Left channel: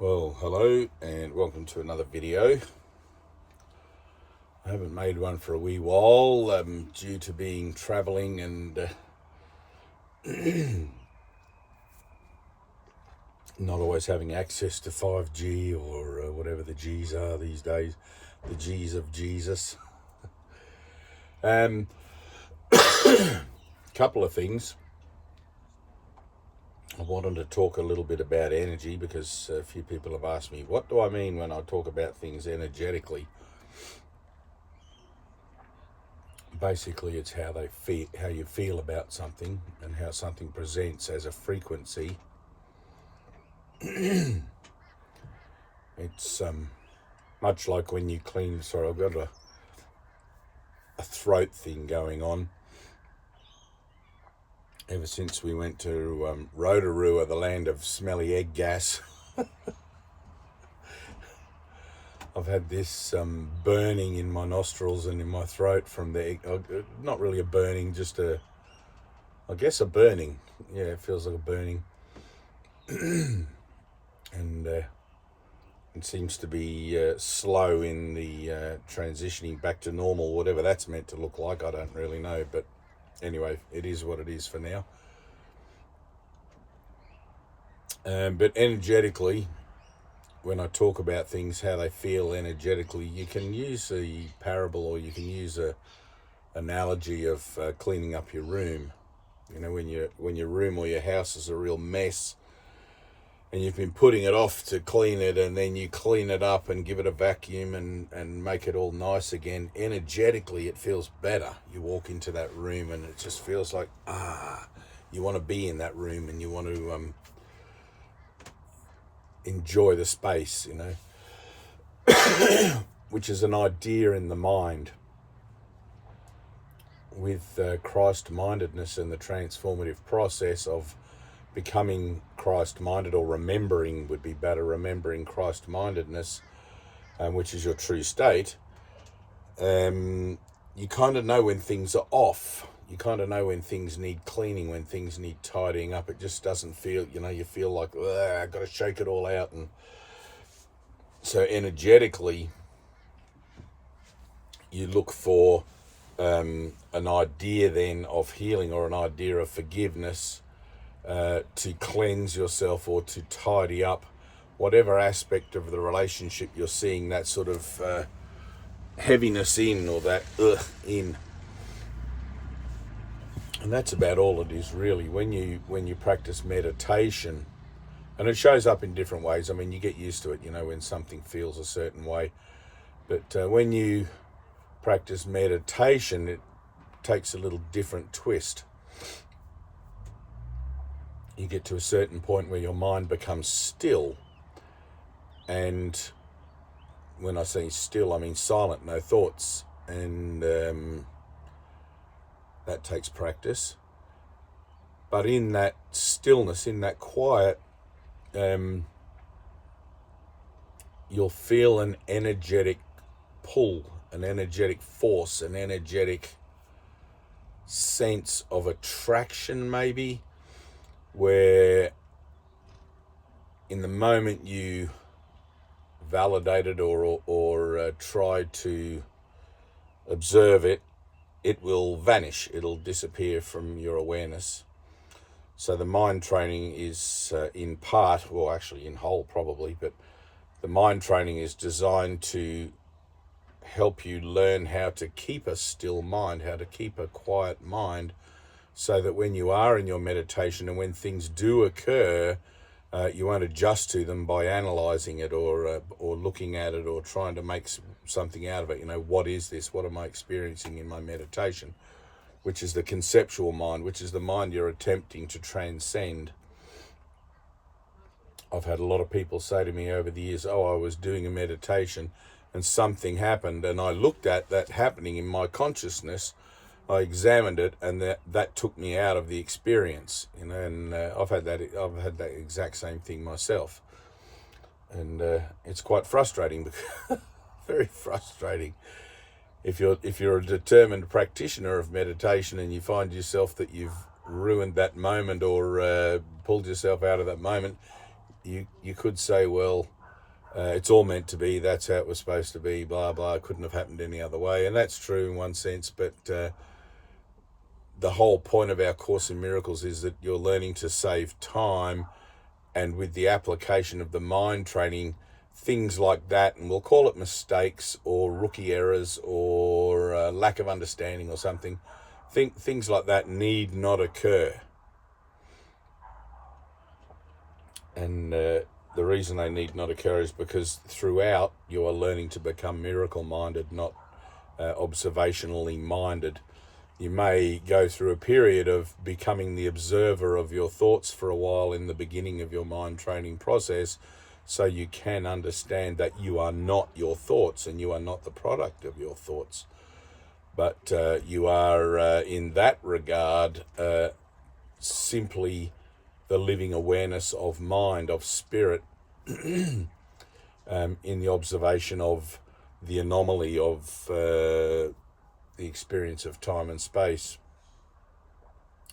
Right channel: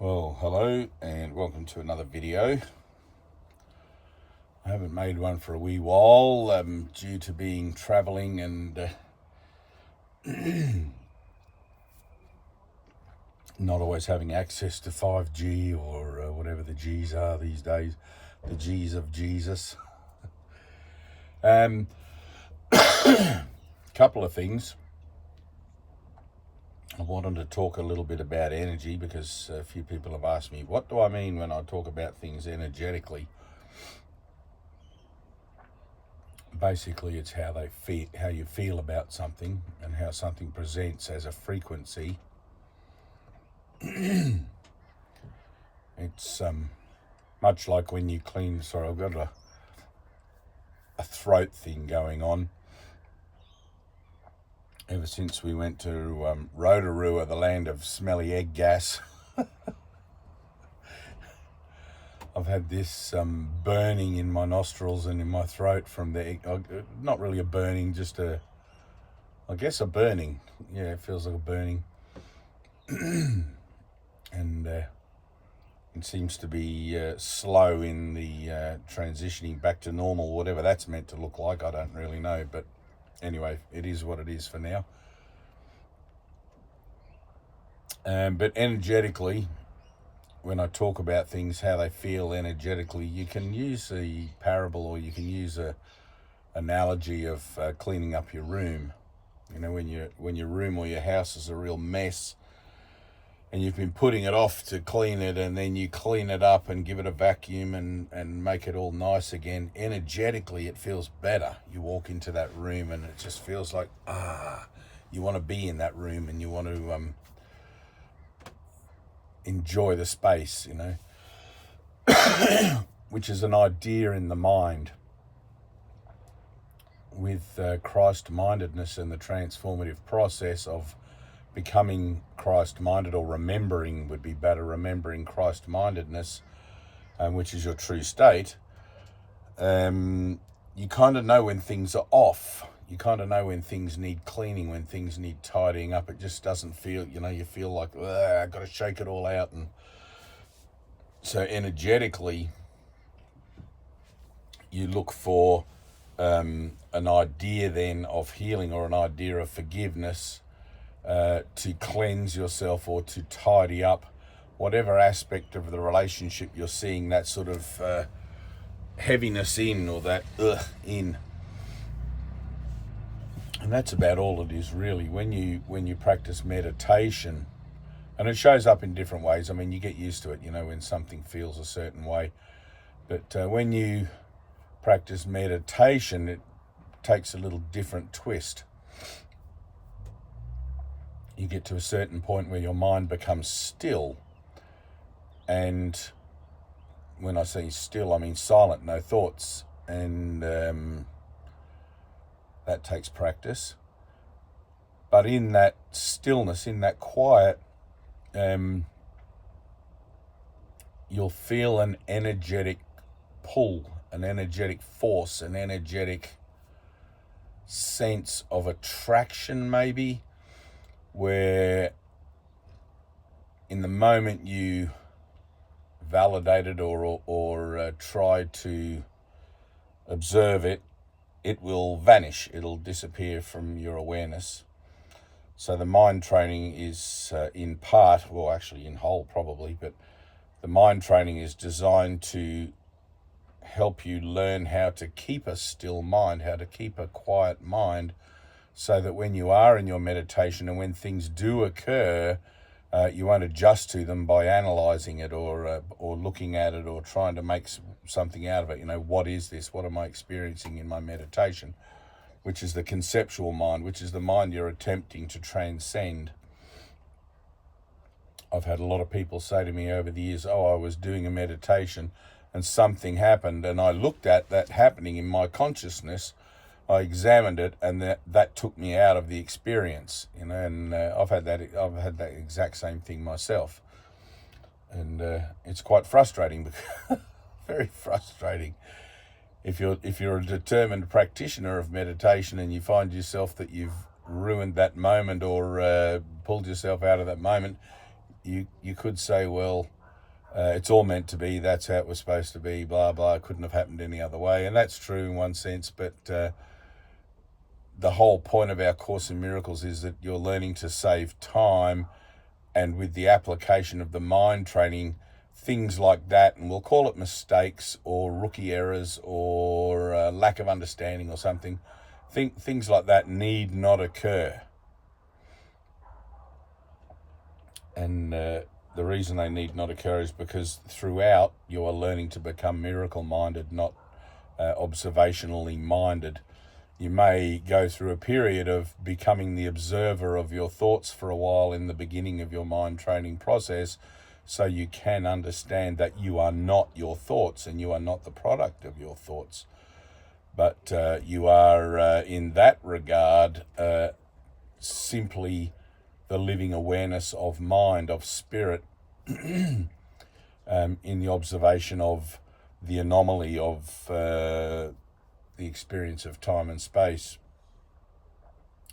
Well, hello and welcome to another video. I haven't made one for a wee while due to being travelling and not always having access to 5G or whatever the G's are these days, the G's of Jesus. Couple of things. I wanted to talk a little bit about energy because a few people have asked me, what do I mean when I talk about things energetically? Basically, it's how they feel, how you feel about something and how something presents as a frequency. It's much like when you clean. Sorry, I've got a throat thing going on. Ever since we went to Rotorua, the land of smelly egg gas, I've had this burning in my nostrils and in my throat from the egg. Not really a burning, just I guess a burning. Yeah, it feels like a burning. And it seems to be slow in the transitioning back to normal, whatever that's meant to look like. I don't really know, but anyway, it is what it is for now. But energetically, when I talk about things, how they feel energetically, you can use a parable or you can use a analogy of cleaning up your room. You know, when your room or your house is a real mess and you've been putting it off to clean it, and then you clean it up and give it a vacuum and make it all nice again, energetically it feels better. You walk into that room and it just feels like, you want to be in that room and you want to enjoy the space, you know, which is an idea in the mind. With Christ-mindedness and the transformative process of becoming Christ-minded, or remembering would be better, remembering Christ-mindedness, which is your true state, you kind of know when things are off. You kind of know when things need cleaning, when things need tidying up. It just doesn't feel, you know, you feel like, I've got to shake it all out. And so energetically, you look for an idea then of healing or an idea of forgiveness, to cleanse yourself or to tidy up whatever aspect of the relationship you're seeing that sort of heaviness in, or that in. And that's about all it is, really. When you practice meditation, and it shows up in different ways. I mean, you get used to it, you know, when something feels a certain way. But when you practice meditation, it takes a little different twist. You get to a certain point where your mind becomes still. And when I say still, I mean silent, no thoughts. And that takes practice. But in that stillness, in that quiet, you'll feel an energetic pull, an energetic force, an energetic sense of attraction, maybe, where in the moment you validate it or try to observe it, it will vanish. It'll disappear from your awareness. So the mind training is in part, well, actually in whole probably, but the mind training is designed to help you learn how to keep a still mind, how to keep a quiet mind, so that when you are in your meditation and when things do occur, you won't adjust to them by analyzing it or looking at it or trying to make something out of it. You know, what is this? What am I experiencing in my meditation? Which is the conceptual mind, which is the mind you're attempting to transcend. I've had a lot of people say to me over the years, I was doing a meditation and something happened, and I looked at that happening in my consciousness. I examined it, and that took me out of the experience, you know. And I've had that exact same thing myself, and it's quite frustrating, very frustrating. If you're a determined practitioner of meditation and you find yourself that you've ruined that moment or pulled yourself out of that moment, you could say, well, it's all meant to be, that's how it was supposed to be, blah, blah, it couldn't have happened any other way. And that's true in one sense, but the whole point of our Course in Miracles is that you're learning to save time, and with the application of the mind training, things like that, and we'll call it mistakes or rookie errors or lack of understanding or something, things like that need not occur. And the reason they need not occur is because throughout you are learning to become miracle-minded, not observationally minded. You may go through a period of becoming the observer of your thoughts for a while in the beginning of your mind training process, so you can understand that you are not your thoughts and you are not the product of your thoughts. But you are, in that regard, simply the living awareness of mind, of spirit, in the observation of the anomaly of the experience of time and space.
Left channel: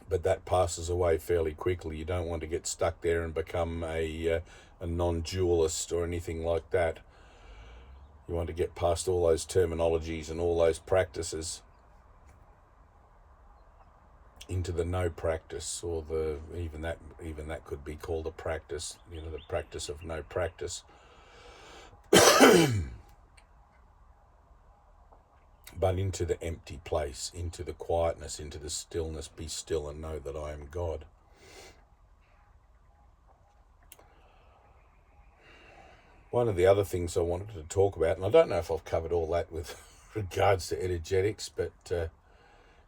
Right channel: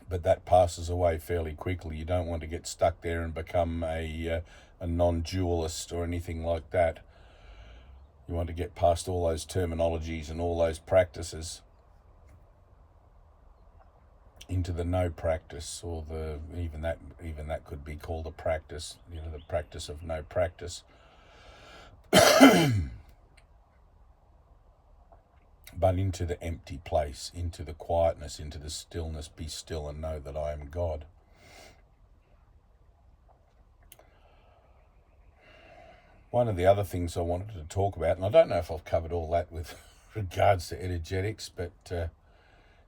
But that passes away fairly quickly. You don't want to get stuck there and become a non-dualist or anything like that. You want to get past all those terminologies and all those practices into the no practice, or even that could be called a practice, the practice of no practice. But into the empty place, into the quietness, into the stillness. Be still and know that I am God. One of the other things I wanted to talk about, and I don't know if I've covered all that with regards to energetics, but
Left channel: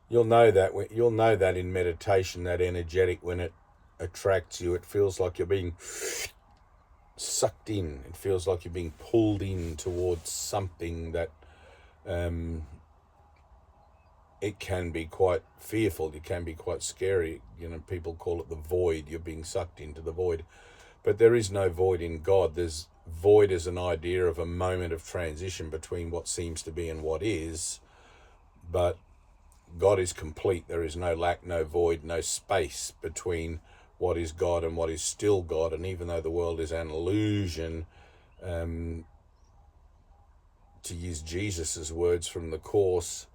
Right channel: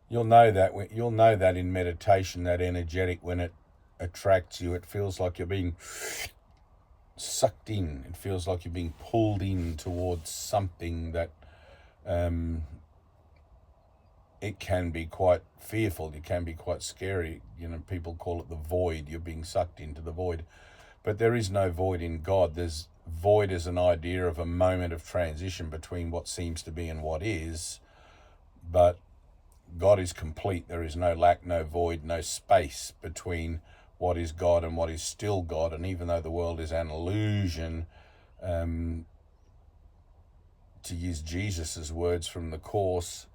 you'll know that in meditation, that energetic, when it attracts you, it feels like you're being sucked in. It feels like you're being pulled in towards something that it can be quite fearful. It can be quite scary. People call it the void. You're being sucked into the void. But there is no void in God. There's void as an idea of a moment of transition between what seems to be and what is. But God is complete. There is no lack, no void, no space between what is God and what is still God. And even though the world is an illusion, to use Jesus's words from the Course,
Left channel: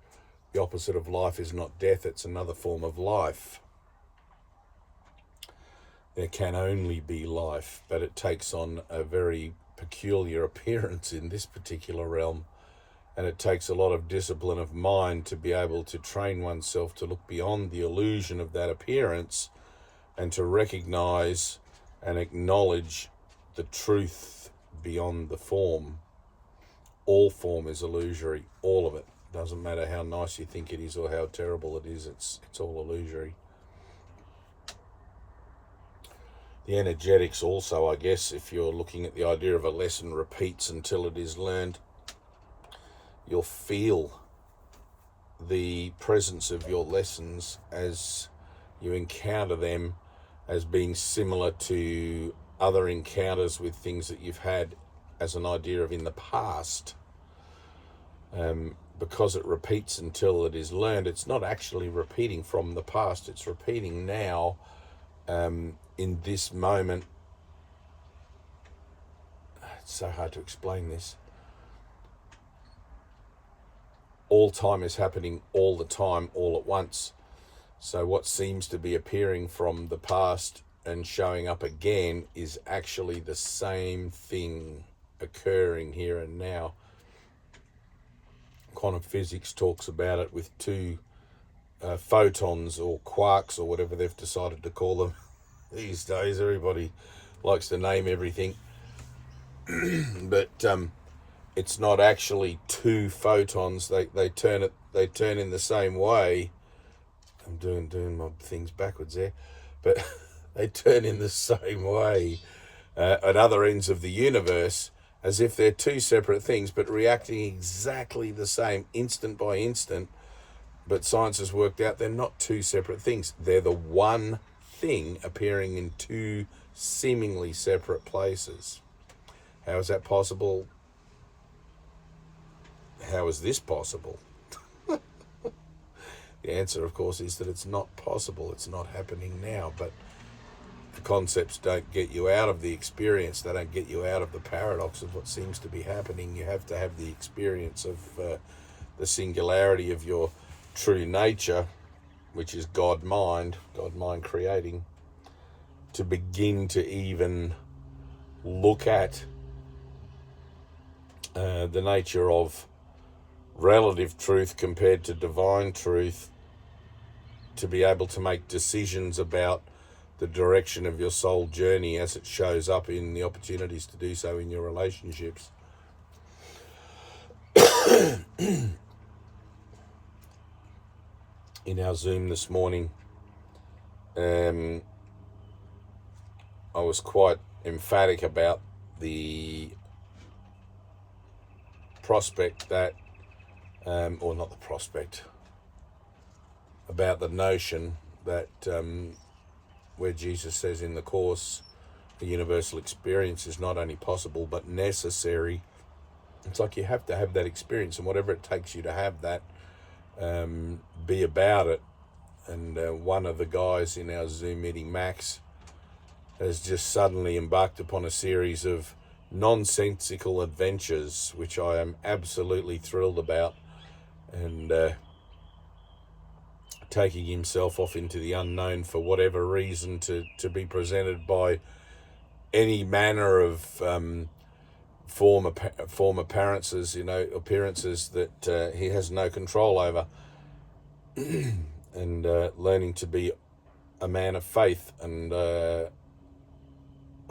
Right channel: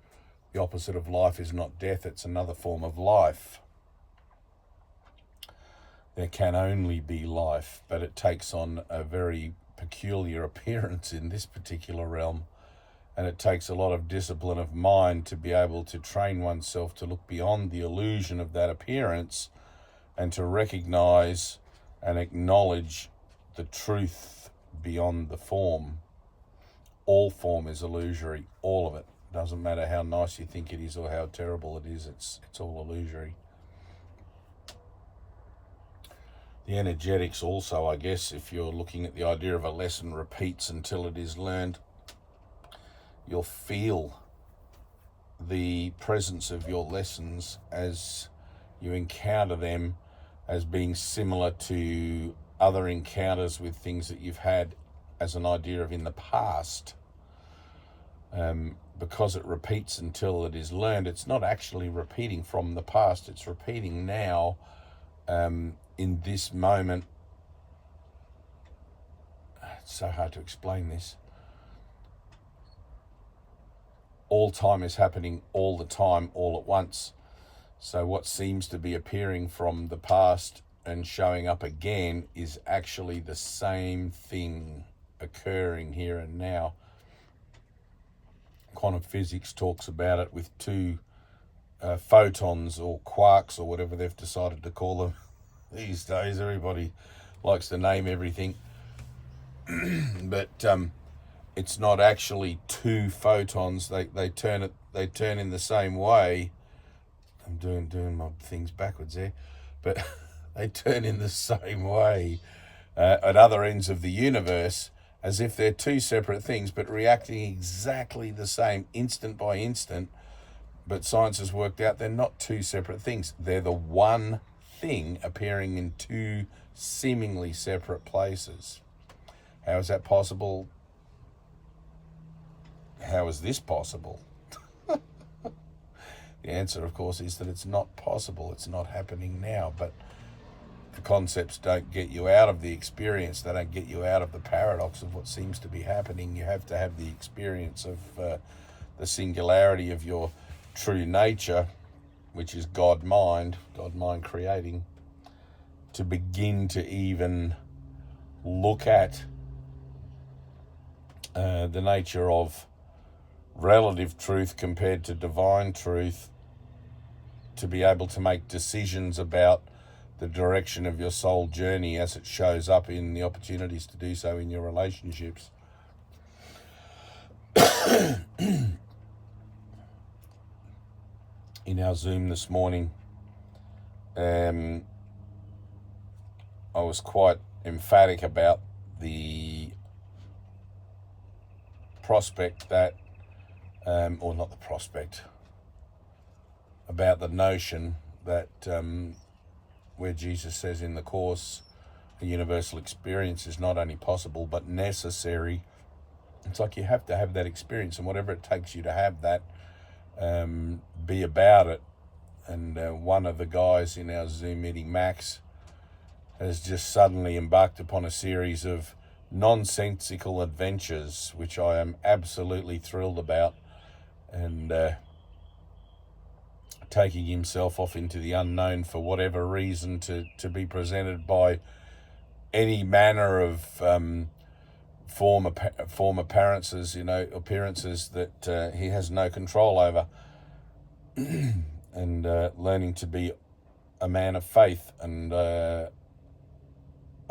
the opposite of life is not death, it's another form of life. There can only be life, but it takes on a very peculiar appearance in this particular realm. And it takes a lot of discipline of mind to be able to train oneself to look beyond the illusion of that appearance and to recognize and acknowledge the truth beyond the form. All form is illusory, all of it. Doesn't matter how nice you think it is or how terrible it is, it's all illusory. The energetics also, I guess, if you're looking at the idea of a lesson repeats until it is learned, you'll feel the presence of your lessons as you encounter them as being similar to other encounters with things that you've had as an idea of in the past. Because it repeats until it is learned, it's not actually repeating from the past, it's repeating now, in this moment. It's so hard to explain this. All time is happening all the time, all at once. So what seems to be appearing from the past and showing up again is actually the same thing occurring here and now. Quantum physics talks about it with two photons or quarks or whatever they've decided to call them these days. Everybody likes to name everything. But it's not actually two photons. They turn in the same way. I'm doing my things backwards there, but they turn in the same way at other ends of the universe, as if they're two separate things, but reacting exactly the same, instant by instant. But science has worked out they're not two separate things. They're the one thing appearing in two seemingly separate places. How is that possible? How is this possible? The answer, of course, is that it's not possible. It's not happening now. But the concepts don't get you out of the experience. They don't get you out of the paradox of what seems to be happening. You have to have the experience of the singularity of your true nature, which is God mind creating, to begin to even look at the nature of relative truth compared to divine truth, to be able to make decisions about the direction of your soul journey as it shows up in the opportunities to do so in your relationships. In our Zoom this morning, I was quite emphatic about the prospect that, or not the prospect, about the notion that where Jesus says in the Course, a universal experience is not only possible but necessary. It's like you have to have that experience, and whatever it takes you to have that, be about it. And one of the guys in our Zoom meeting, Max, has just suddenly embarked upon a series of nonsensical adventures, which I am absolutely thrilled about, and taking himself off into the unknown for whatever reason to be presented by any manner of form appearances, appearances that he has no control over, and learning to be a man of faith. And I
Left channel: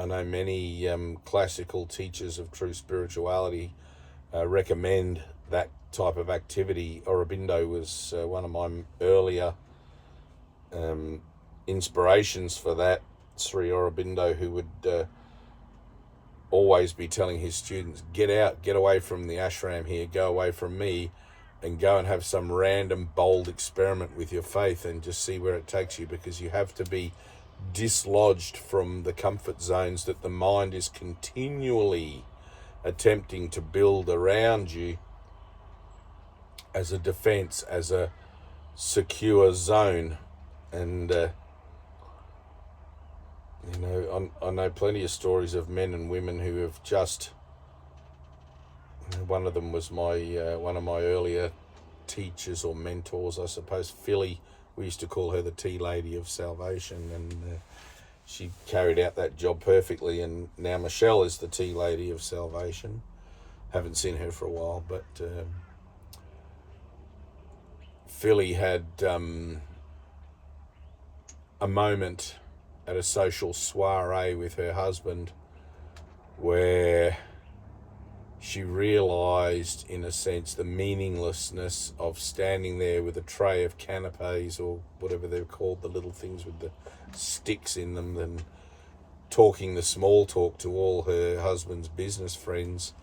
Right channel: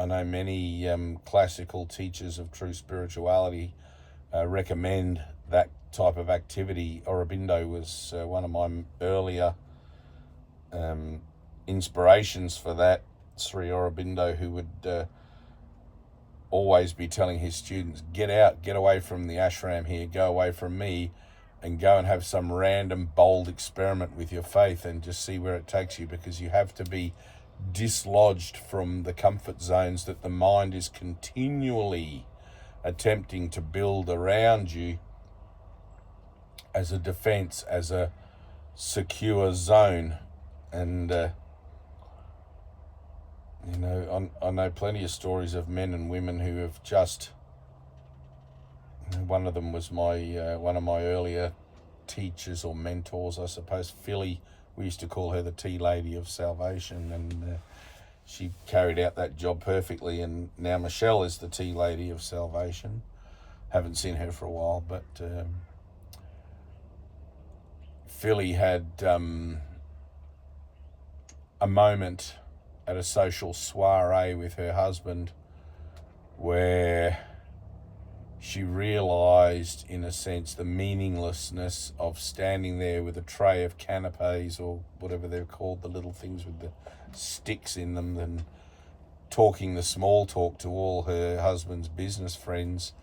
know many classical teachers of true spirituality recommend that type of activity. Aurobindo was one of my earlier inspirations for that. Sri Aurobindo, who would always be telling his students, get away from the ashram here, go away from me, and go and have some random bold experiment with your faith and just see where it takes you, because you have to be dislodged from the comfort zones that the mind is continually attempting to build around you as a defense, as a secure zone. And I know plenty of stories of men and women who have just, one of them was one of my earlier teachers or mentors, I suppose, Philly. We used to call her the Tea Lady of Salvation, and she carried out that job perfectly. And now Michelle is the Tea Lady of Salvation. Haven't seen her for a while, but Philly had a moment at a social soiree with her husband where she realised, in a sense, the meaninglessness of standing there with a tray of canapes, or whatever they're called, the little things with the sticks in them, and talking the small talk to all her husband's business friends.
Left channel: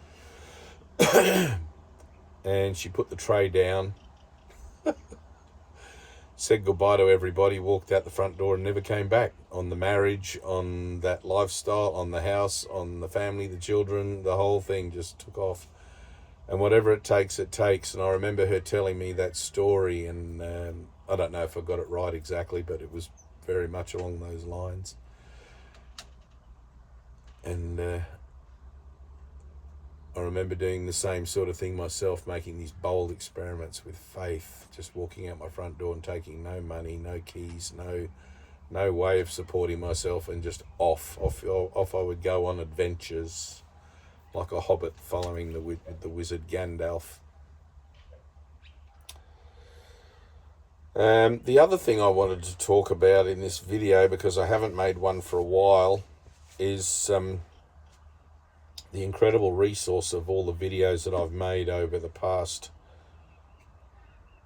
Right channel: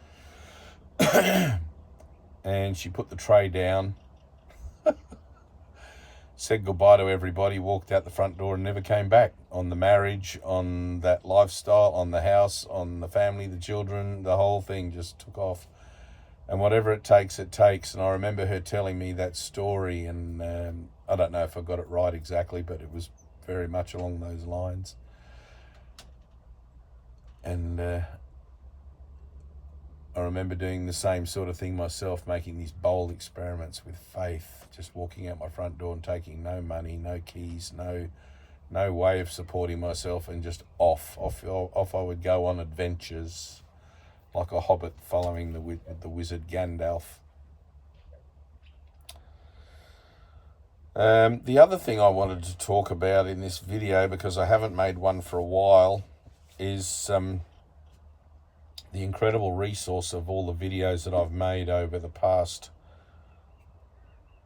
And she put the tray down, said goodbye to everybody, walked out the front door, and never came back. On the marriage, on that lifestyle, on the house, on the family, the children, the whole thing just took off. And whatever it takes, it takes. And I remember her telling me that story, and I don't know if I got it right exactly, but it was very much along those lines. And I remember doing the same sort of thing myself, making these bold experiments with faith, just walking out my front door and taking no money, no keys, no way of supporting myself, and just off I would go on adventures like a hobbit following the wizard Gandalf. The other thing I wanted to talk about in this video, because I haven't made one for a while, is the incredible resource of all the videos that I've made over the past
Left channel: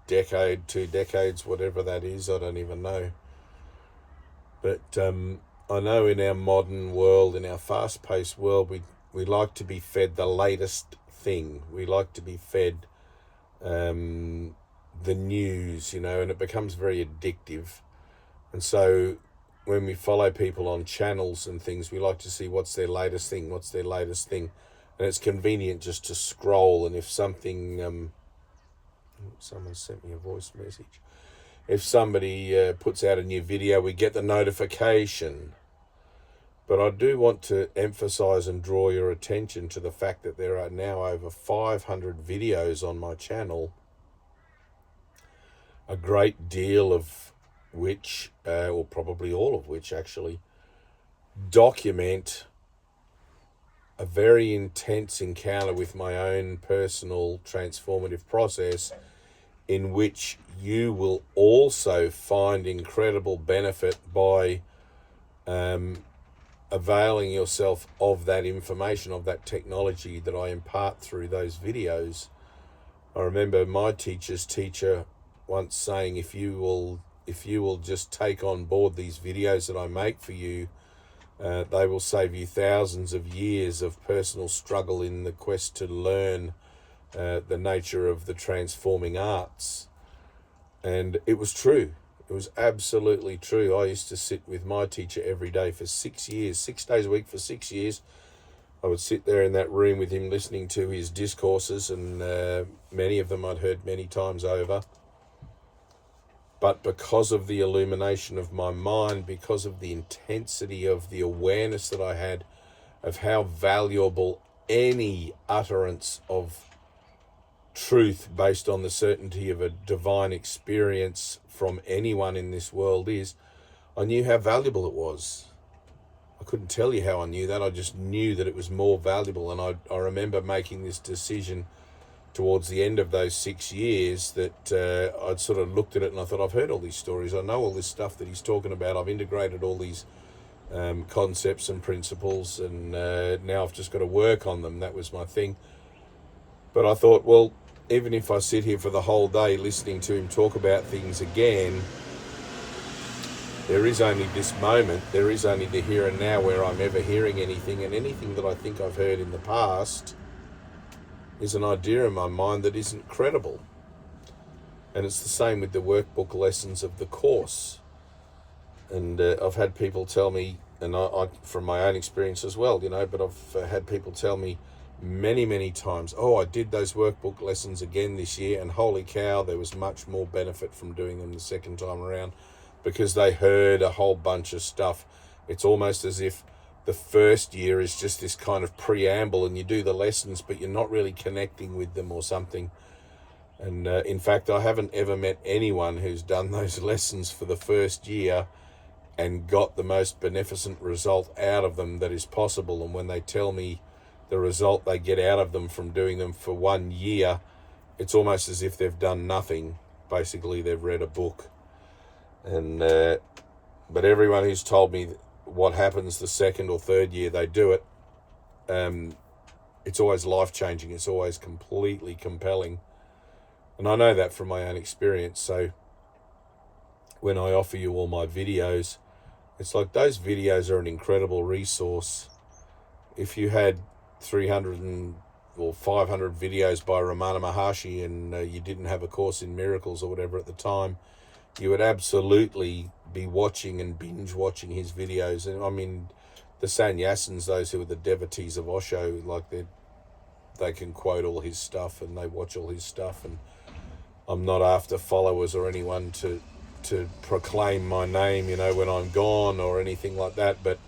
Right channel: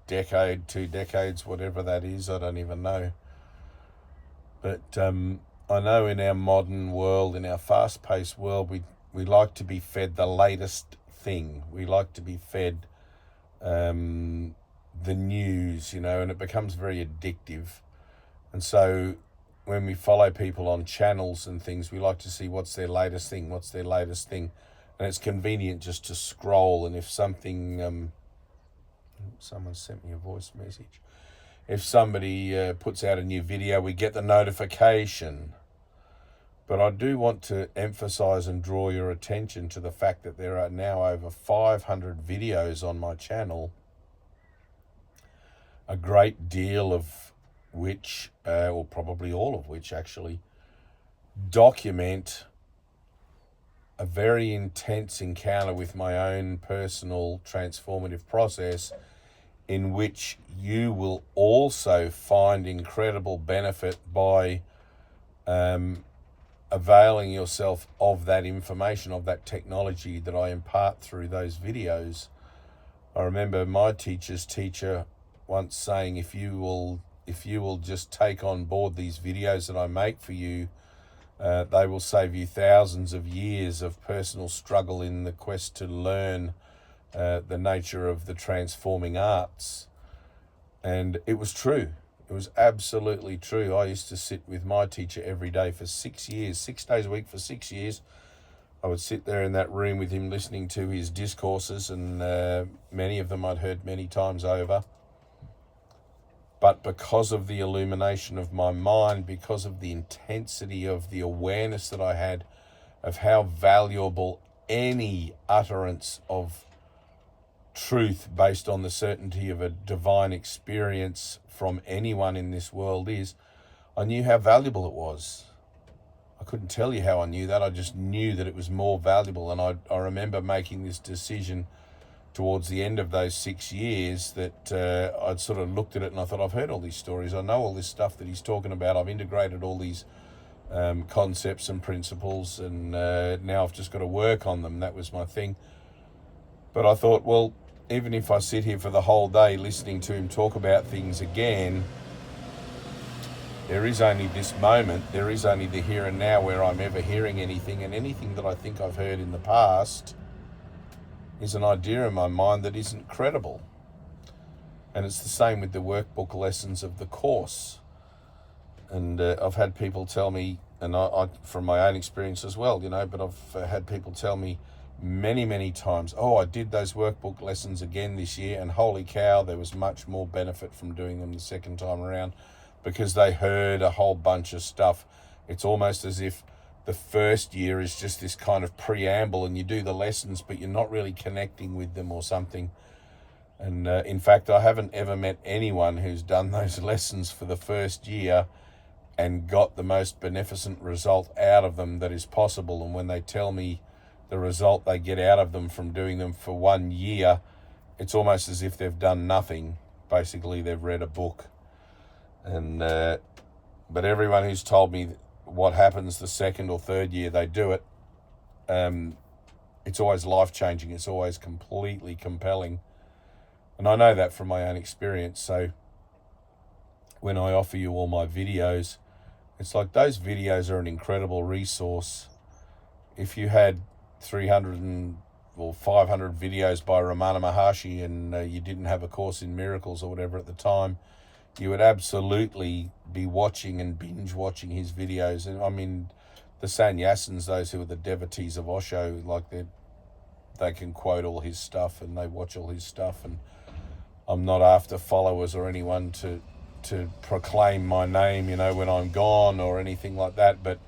decade, 2 decades, whatever that is, I don't even know. But I know in our modern world, in our fast-paced world, we like to be fed the latest thing. We like to be fed the news, and it becomes very addictive. And so when we follow people on channels and things, we like to see what's their latest thing. And it's convenient just to scroll. And if something, someone sent me a voice message. If somebody puts out a new video, we get the notification. But I do want to emphasize and draw your attention to the fact that there are now over 500 videos on my channel, a great deal of which, or probably all of which actually, document a very intense encounter with my own personal transformative process, in which you will also find incredible benefit by availing yourself of that information, of that technology that I impart through those videos. I remember my teacher's teacher once saying, if you will just take on board these videos that I make for you, they will save you thousands of years of personal struggle in the quest to learn the nature of the transforming arts. And it was true. It was absolutely true. I used to sit with my teacher every day for 6 years, 6 days a week for 6 years. I would sit there in that room with him listening to his discourses, and many of them I'd heard many times over. But because of the illumination of my mind, because of the intensity of the awareness that I had of how valuable any utterance of truth based on the certainty of a divine experience from anyone in this world is, I knew how valuable it was. I couldn't tell you how I knew that. I just knew that it was more valuable. And I remember making this decision towards the end of those 6 years that I'd sort of looked at it and I thought, I've heard all these stories. I know all this stuff that he's talking about. I've integrated all these concepts and principles, and now I've just got to work on them. That was my thing. But I thought, well, even if I sit here for the whole day listening to him talk about things again, there is only this moment, there is only the here and now where I'm ever hearing anything, and anything that I think I've heard in the past is an idea in my mind that isn't credible. And it's the same with the workbook lessons of the course. And I've had people tell me, and I from my own experience as well, but I've had people tell me many, many times, oh, I did those workbook lessons again this year, and holy cow, there was much more benefit from doing them the second time around, because they heard a whole bunch of stuff. It's almost as if the first year is just this kind of preamble, and you do the lessons, but you're not really connecting with them or something. And in fact, I haven't ever met anyone who's done those lessons for the first year and got the most beneficent result out of them that is possible. And when they tell me the result they get out of them from doing them for 1 year, it's almost as if they've done nothing. Basically, they've read a book. And but everyone who's told me what happens the second or third year they do it, it's always life-changing. It's always completely compelling. And I know that from my own experience. So when I offer you all my videos, it's like those videos are an incredible resource. If you had 300 or 500 videos by Ramana Maharshi and you didn't have a Course in Miracles or whatever at the time, you would absolutely be watching and binge watching his videos. And I mean, the sannyasins, those who are the devotees of Osho, like they can quote all his stuff and they watch all his stuff. And I'm not after followers or anyone to proclaim my name, when I'm gone or anything like that. But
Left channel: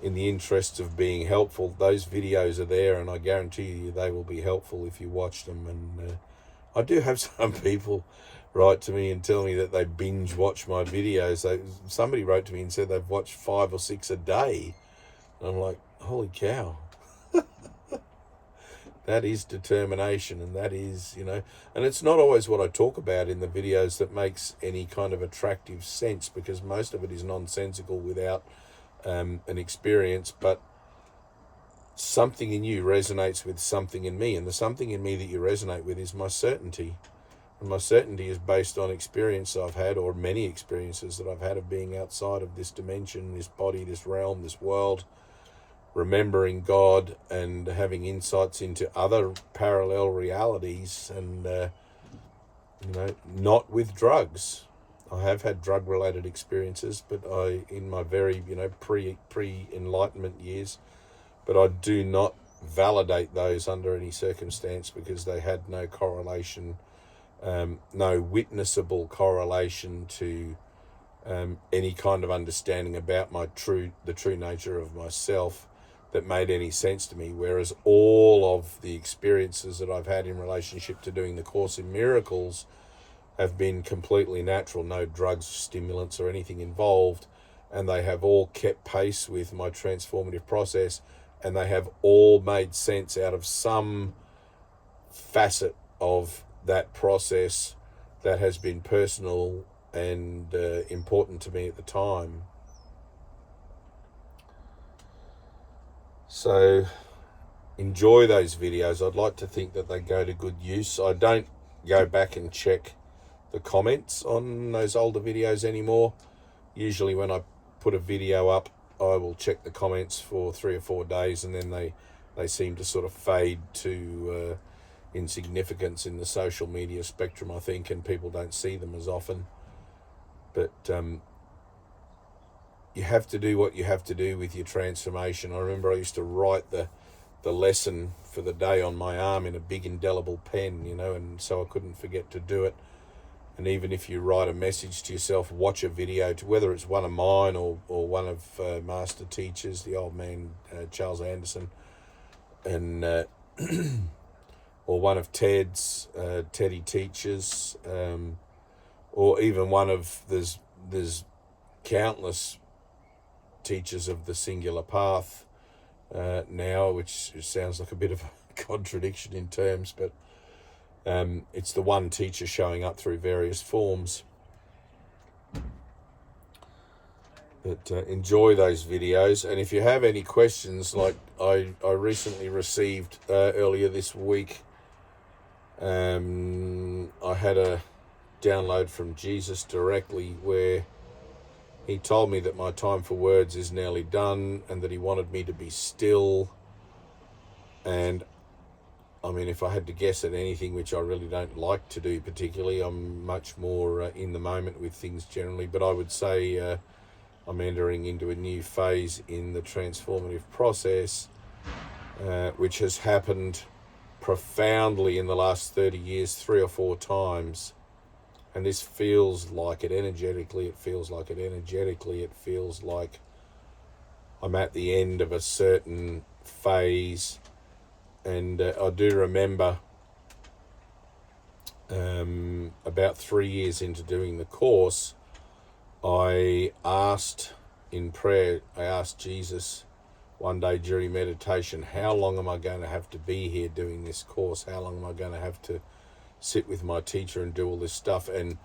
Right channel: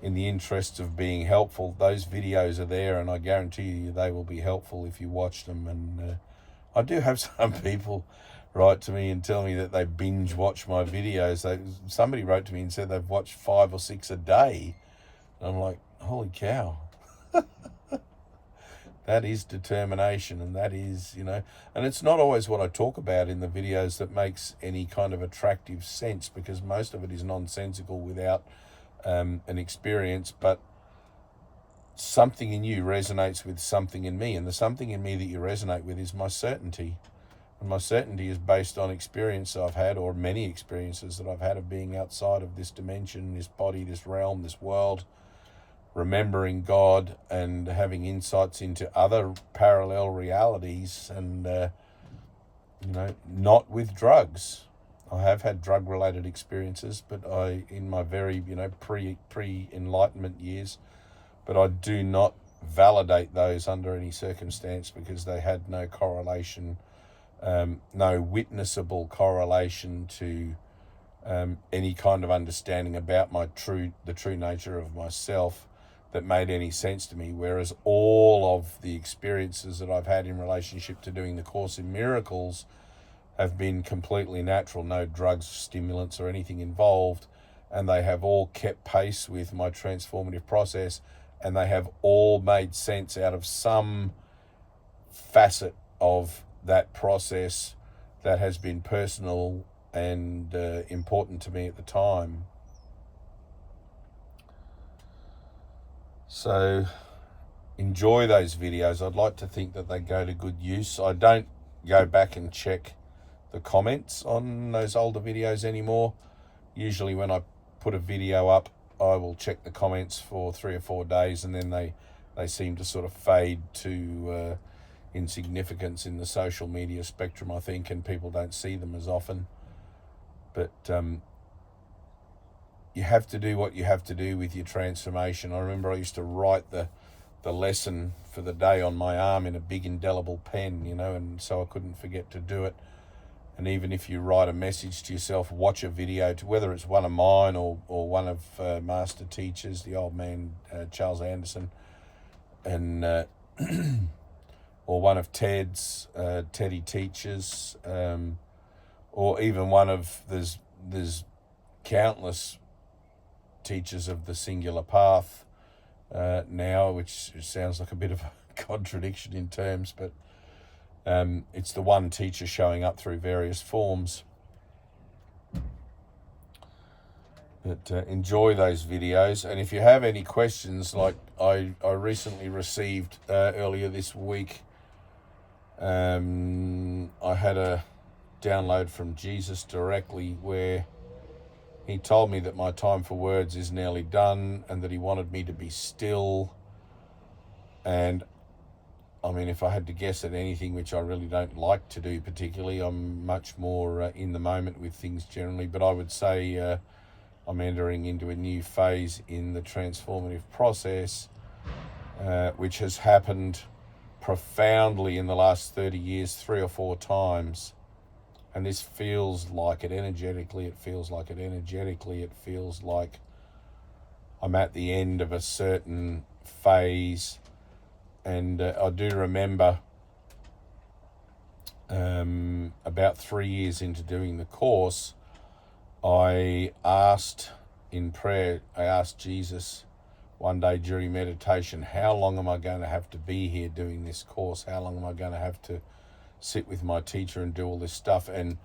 in the interests of being helpful, those videos are there, and I guarantee you they will be helpful if you watch them. And I do have some people write to me and tell me that they binge watch my videos. Somebody wrote to me and said they've watched 5 or 6 a day. And I'm like, holy cow. That is determination, and that is, and it's not always what I talk about in the videos that makes any kind of attractive sense, because most of it is nonsensical without an experience. But something in you resonates with something in me, and the something in me that you resonate with is my certainty. And my certainty is based on experience I've had, or many experiences that I've had, of being outside of this dimension, this body, this realm, this world, remembering God and having insights into other parallel realities, and not with drugs. I have had drug-related experiences, but in my very pre-enlightenment years, but I do not validate those under any circumstance, because they had no correlation, no witnessable correlation to any kind of understanding about the true nature of myself that made any sense to me, whereas all of the experiences that I've had in relationship to doing the Course in Miracles have been completely natural, no drugs, stimulants or anything involved, and they have all kept pace with my transformative process, and they have all made sense out of some facet of that process that has been personal and important to me at the time. So enjoy those videos. I'd like to think that they go to good use. I don't go back and check the comments on those older videos anymore. Usually when I put a video up, I will check the comments for 3 or 4 days, and then they seem to sort of fade to insignificance in the social media spectrum, I think, and people don't see them as often. But you have to do what you have to do with your transformation. I remember I used to write the lesson for the day on my arm in a big indelible pen, and so I couldn't forget to do it. And even if you write a message to yourself, watch a video, whether it's one of mine or one of master teachers, the old man Charles Anderson, and or one of Ted's Teddy teachers, or even one of there's countless teachers of the singular path now, which sounds like a bit of a contradiction in terms, but it's the one teacher showing up through various forms. But enjoy those videos, and if you have any questions, like I recently received earlier this week, I had a download from Jesus directly where he told me that my time for words is nearly done and that he wanted me to be still. And I mean, if I had to guess at anything, which I really don't like to do particularly, I'm much more in the moment with things generally, but I would say I'm entering into a new phase in the transformative process, which has happened profoundly in the last 30 years, 3 or 4 times. And this feels like it energetically. It feels like I'm at the end of a certain phase. And I do remember about 3 years into doing the course, I asked in prayer, I asked Jesus one day during meditation, how long am I going to have to be here doing this course? How long am I going to have to sit with my teacher and do all this stuff? And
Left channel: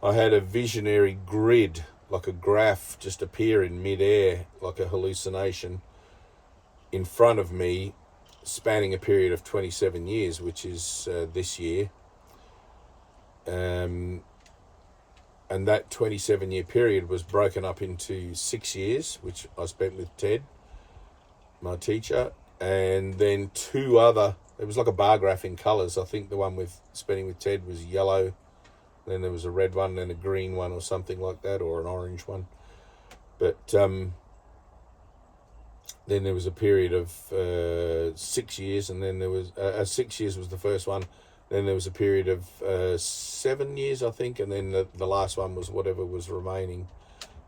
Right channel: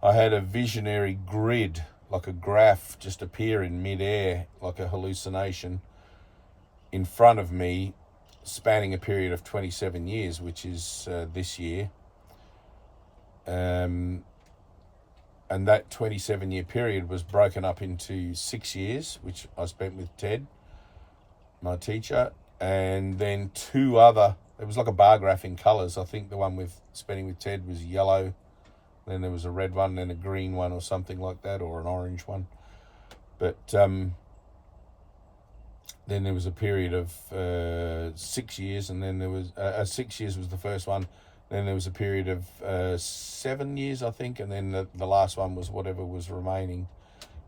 I had a visionary grid, like a graph, just appear in midair, like a hallucination, in front of me, spanning a period of 27 years, which is this year. And that 27-year period was broken up into 6 years, which I spent with Ted, my teacher, and then 2 other, it was like a bar graph in colours. I think the one with spending with Ted was yellow, then there was a red one, then a green one or something like that, or an orange one. But then there was a period of 6 years, and then there was 6 years was the first one. Then there was a period of 7 years, I think, and then the last one was whatever was remaining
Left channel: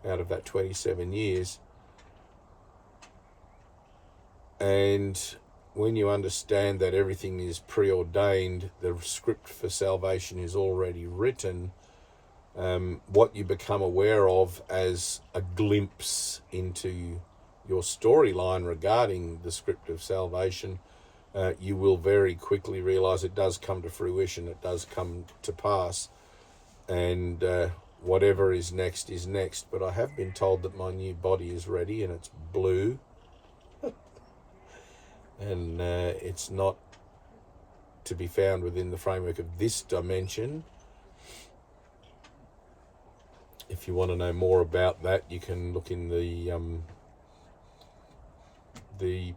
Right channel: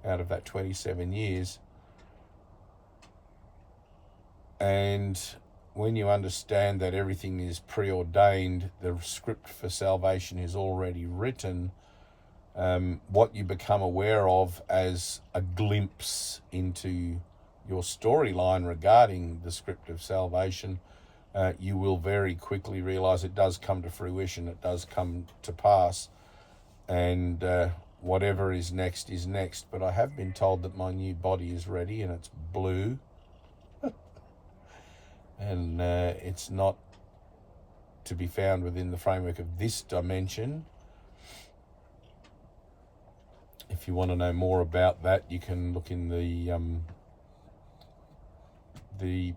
out of that 27 years. And when you understand that everything is preordained, the script for salvation is already written, what you become aware of as a glimpse into your storyline regarding the script of salvation, you will very quickly realize it does come to fruition, it does come to pass, and whatever is next is next. But I have been told that my new body is ready, and it's blue. And it's not to be found within the framework of this dimension. If you want to know more about that, you can look in the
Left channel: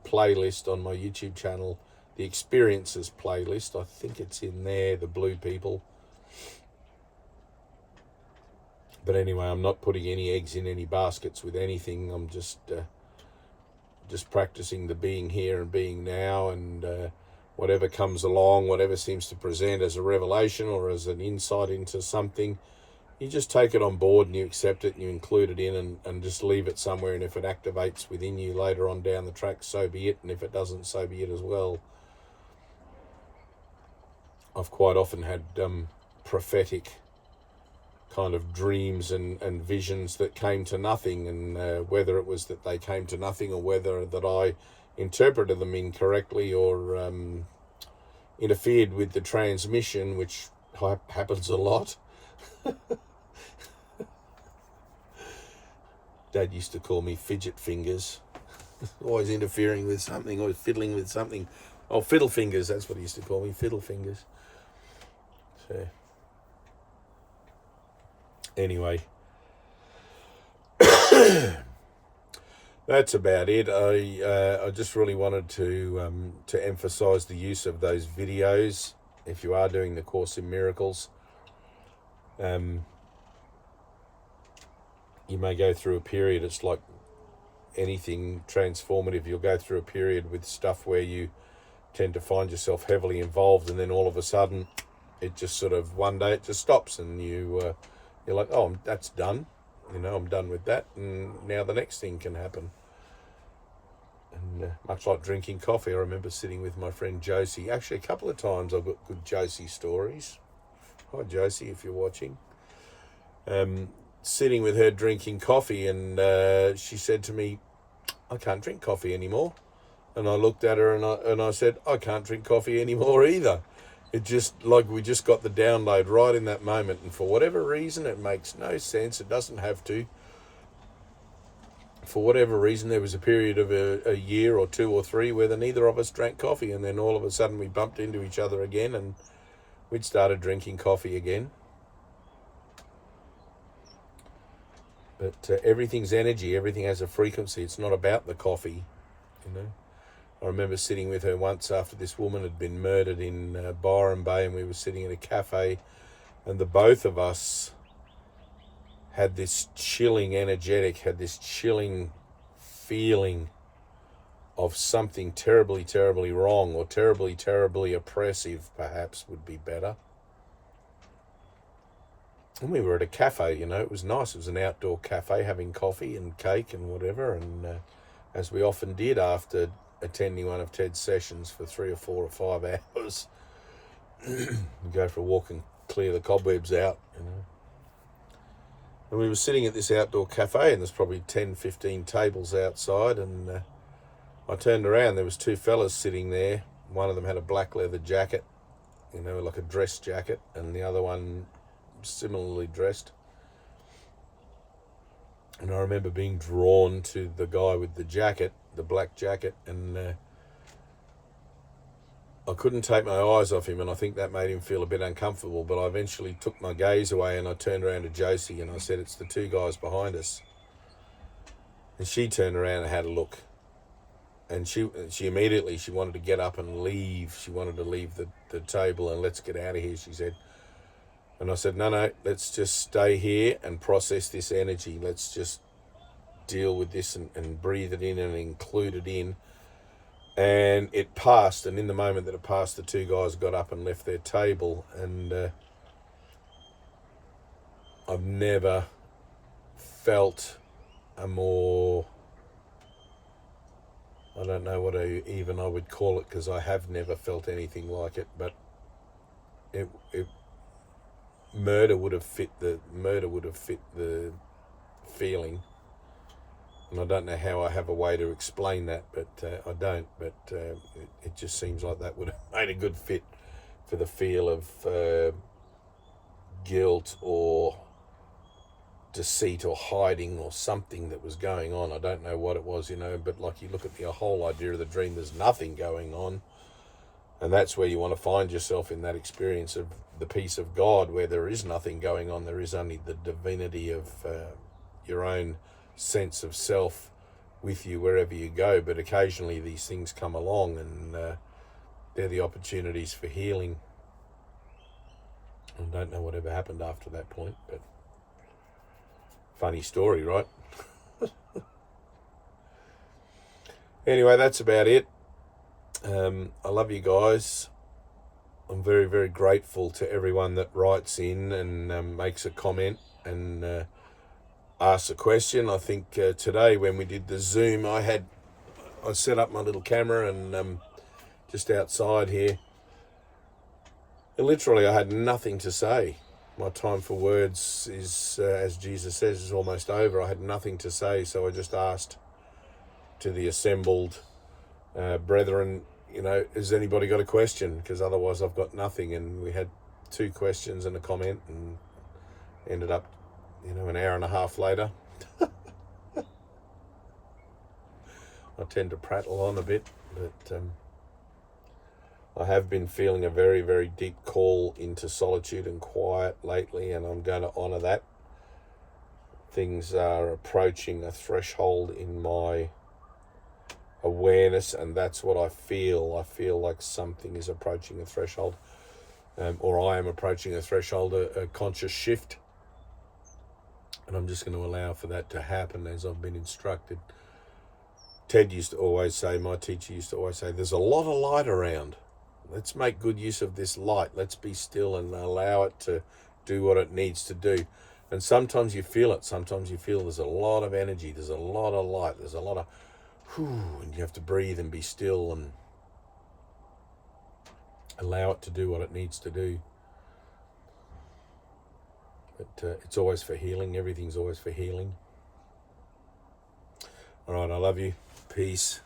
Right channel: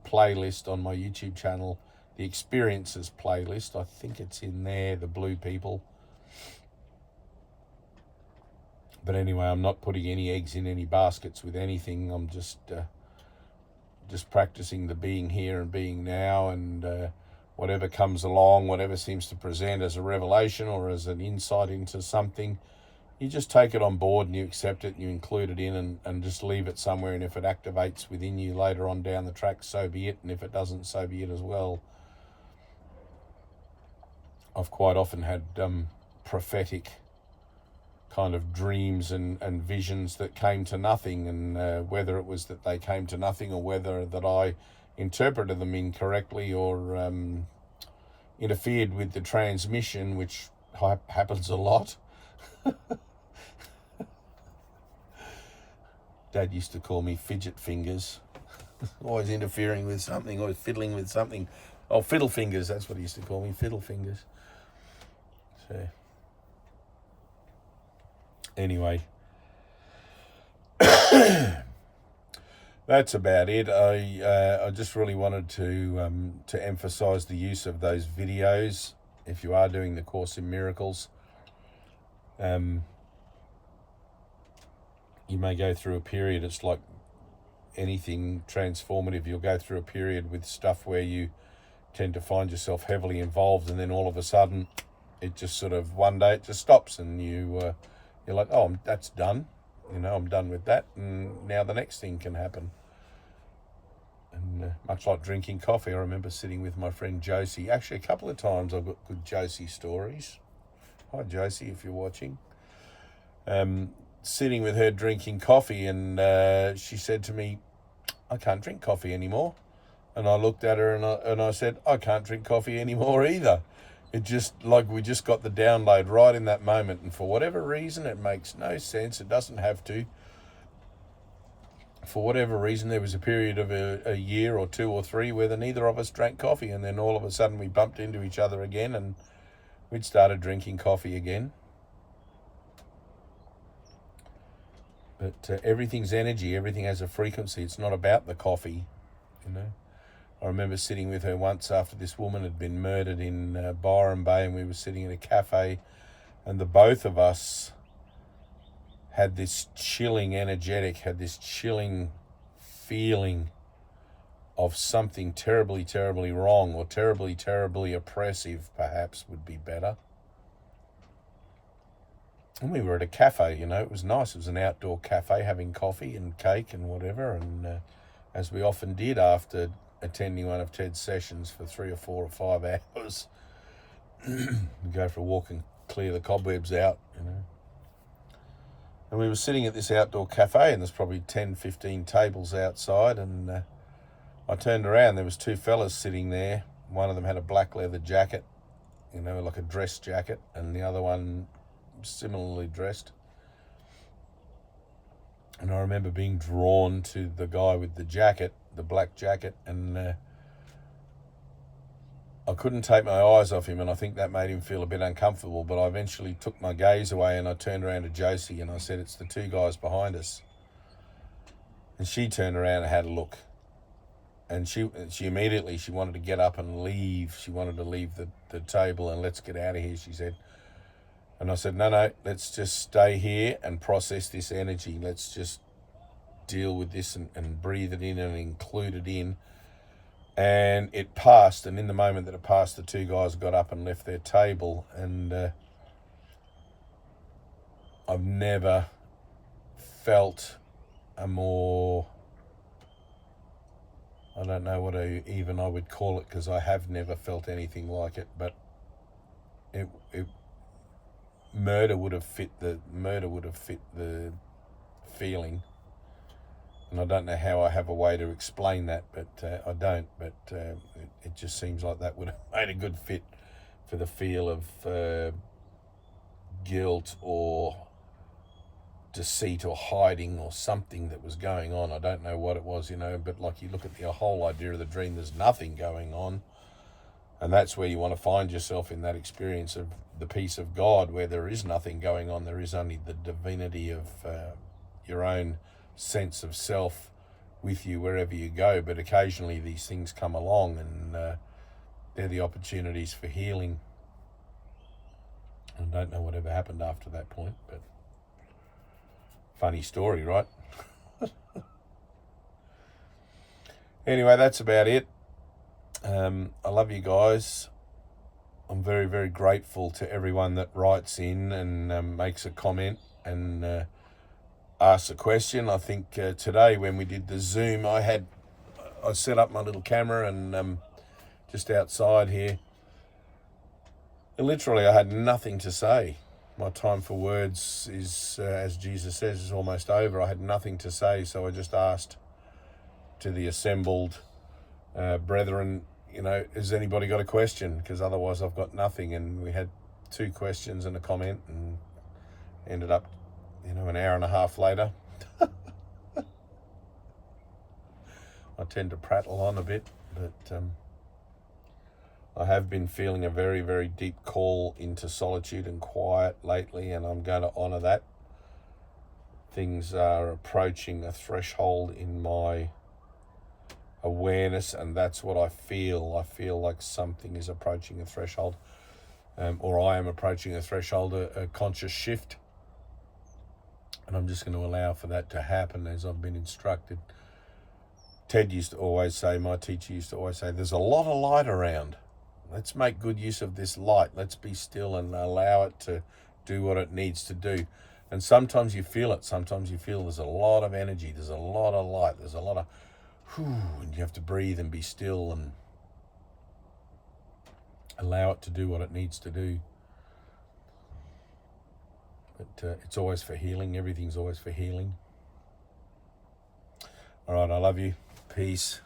playlist on my YouTube channel, the experiences playlist. I think it's in there, the blue people. But anyway, I'm not putting any eggs in any baskets with anything. I'm just practicing the being here and being now, and whatever comes along, whatever seems to present as a revelation or as an insight into something, you just take it on board and you accept it and you include it in and just leave it somewhere. And if it activates within you later on down the track, so be it. And if it doesn't, so be it as well. I've quite often had prophetic kind of dreams and visions that came to nothing, and whether it was that they came to nothing or whether that I interpreted them incorrectly or interfered with the transmission, which happens a lot. Dad used to call me fidget fingers. Always interfering with something, always fiddling with something. Oh, fiddle fingers, that's what he used to call me, fiddle fingers. So, anyway, that's about it. I just really wanted to emphasize the use of those videos. If you are doing the Course in Miracles, you may go through a period. It's like anything transformative. You'll go through a period with stuff where you tend to find yourself heavily involved, and then all of a sudden, it just sort of one day it just stops, and you're like, oh, that's done. I'm done with that, and now the next thing can happen. And much like drinking coffee, I remember sitting with my friend Josie. Actually, a couple of times I've got good Josie stories. Hi, Josie, if you're watching. Sitting with her drinking coffee, and she said to me, I can't drink coffee anymore. And I looked at her and I said, I can't drink coffee anymore either. It just, like, we just got the download right in that moment. And for whatever reason, it makes no sense. It doesn't have to. For whatever reason, there was a period of a year or two or three where neither of us drank coffee. And then all of a sudden we bumped into each other again and we'd started drinking coffee again. But everything's energy. Everything has a frequency. It's not about the coffee, I remember sitting with her once after this woman had been murdered in Byron Bay, and we were sitting at a cafe, and the both of us had this chilling feeling of something terribly, terribly wrong, or terribly, terribly oppressive, perhaps would be better. And we were at a cafe, it was nice. It was an outdoor cafe, having coffee and cake and whatever. And as we often did after attending one of Ted's sessions for 3 or 4 or 5 hours, we go for a walk and clear the cobwebs out, And we were sitting at this outdoor cafe, and there's probably 10, 15 tables outside. And I turned around, there was 2 fellas sitting there. One of them had a black leather jacket, like a dress jacket, and the other one similarly dressed. And I remember being drawn to the guy with the jacket, the black jacket, and I couldn't take my eyes off him, and I think that made him feel a bit uncomfortable. But I eventually took my gaze away, and I turned around to Josie and I said, it's the 2 guys behind us. And she turned around and had a look, and she immediately, she wanted to get up and leave. She wanted to leave the table and let's get out of here, she said. And I said, no, let's just stay here and process this energy. Let's just deal with this and breathe it in and include it in. And it passed, and in the moment that it passed, the 2 guys got up and left their table. And I've never felt a more, I don't know what I would call it, because I have never felt anything like it, but it murder would have fit the feeling, and I don't know how I have a way to explain that, but I don't. But it just seems like that would have made a good fit for the feel of guilt or deceit or hiding or something that was going on. I don't know what it was, but like, you look at the whole idea of the dream, there's nothing going on. And that's where you want to find yourself, in that experience of the peace of God, where there is nothing going on. There is only the divinity of your own sense of self with you wherever you go. But occasionally these things come along, and they're the opportunities for healing. I don't know whatever happened after that point, but funny story, right? Anyway, that's about it. I love you guys. I'm very, very grateful to everyone that writes in and makes a comment. and ask a question. I think today when we did the Zoom, I set up my little camera and just outside here. And literally, I had nothing to say. My time for words is, as Jesus says, is almost over. I had nothing to say, so I just asked to the assembled brethren, has anybody got a question? Because otherwise I've got nothing. And we had 2 questions and a comment, and ended up, an hour and a half later. I tend to prattle on a bit, but I have been feeling a very, very deep call into solitude and quiet lately, and I'm going to honour that. Things are approaching a threshold in my awareness, and that's what I feel. I feel like something is approaching a threshold, or I am approaching a threshold, a conscious shift, and I'm just going to allow for that to happen as I've been instructed. Ted used to always say, my teacher used to always say, there's a lot of light around. Let's make good use of this light. Let's be still and allow it to do what it needs to do. And sometimes you feel it. Sometimes you feel there's a lot of energy. There's a lot of light. There's a lot of and you have to breathe and be still and allow it to do what it needs to do. But it's always for healing. Everything's always for healing. All right, I love you. Peace.